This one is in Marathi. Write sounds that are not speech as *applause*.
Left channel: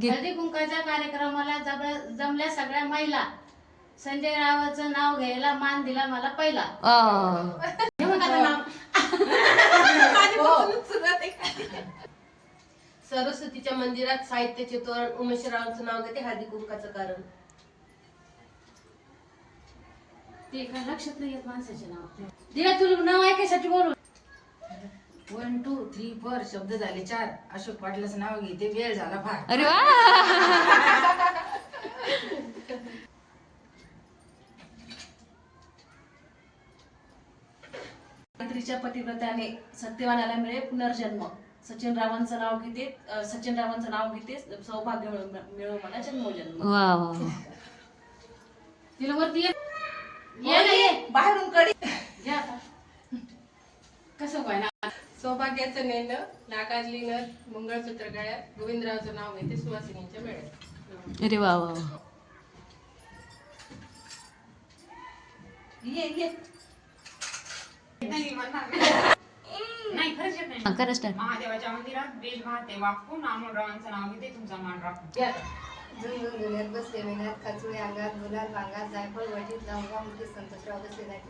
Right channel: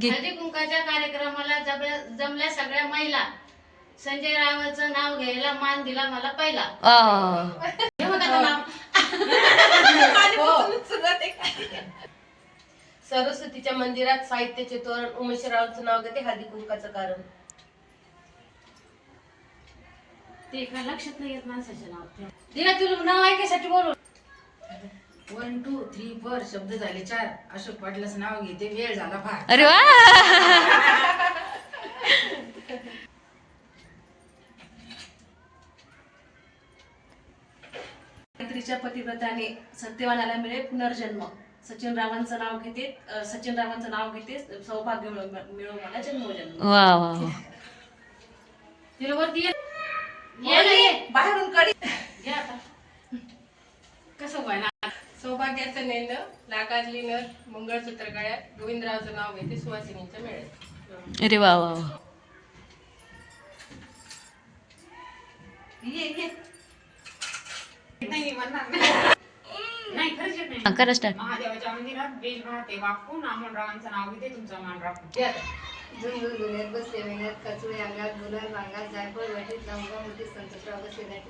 घे. हळदी कुंकाच्या कार्यक्रमाला जब- जमल्या सगळ्या महिला. संजय रावाचं नाव घ्यायला मान दिला मला पहिला. आ. हे बघ नाव. *laughs* सरस्वतीच्या मंदिरात साहित्याचे तोरण उमेशरावांचं नाव घेते हळदी कुंकाचं कारण. ते काय लक्षात नाही येत माणसाचे नाव दिला तुला नाव ऐकायसाठी बोलू वन टू थ्री फोर शब्द झाले चार. अशोक पाटलाचं नाव घेते वेळ झाला फार. अरे वा! गायत्रीच्या पतिव्रताने सत्यवानाला मिळे पुनर्जन्म. सचिन रावांचं नाव घेते अ, सचिन रावांचं नाव घेते सौभाग्य मिळो मिळो मला जन्मोजन्म. वा वा वा. तिला वरती ये. ये ना ये. बाहेरून कडी ये आता. सौभाग्याचं नेंद लाकाजली नथ मंगळसूत्र गळ्यात गोविंदरावचं नाव घेते सुवासिनीच्या मेळ्यात अरे वा वा महादेवाच्या मंदिरात बेल वाहते वाकून अमोलरावांचं नाव घेते तुमचा मान राखून. बसले मेहनत काचुळे अंगात गुलाल भांगात जायफळ वाटीत लवंगा मुठी संतोषराव बसले.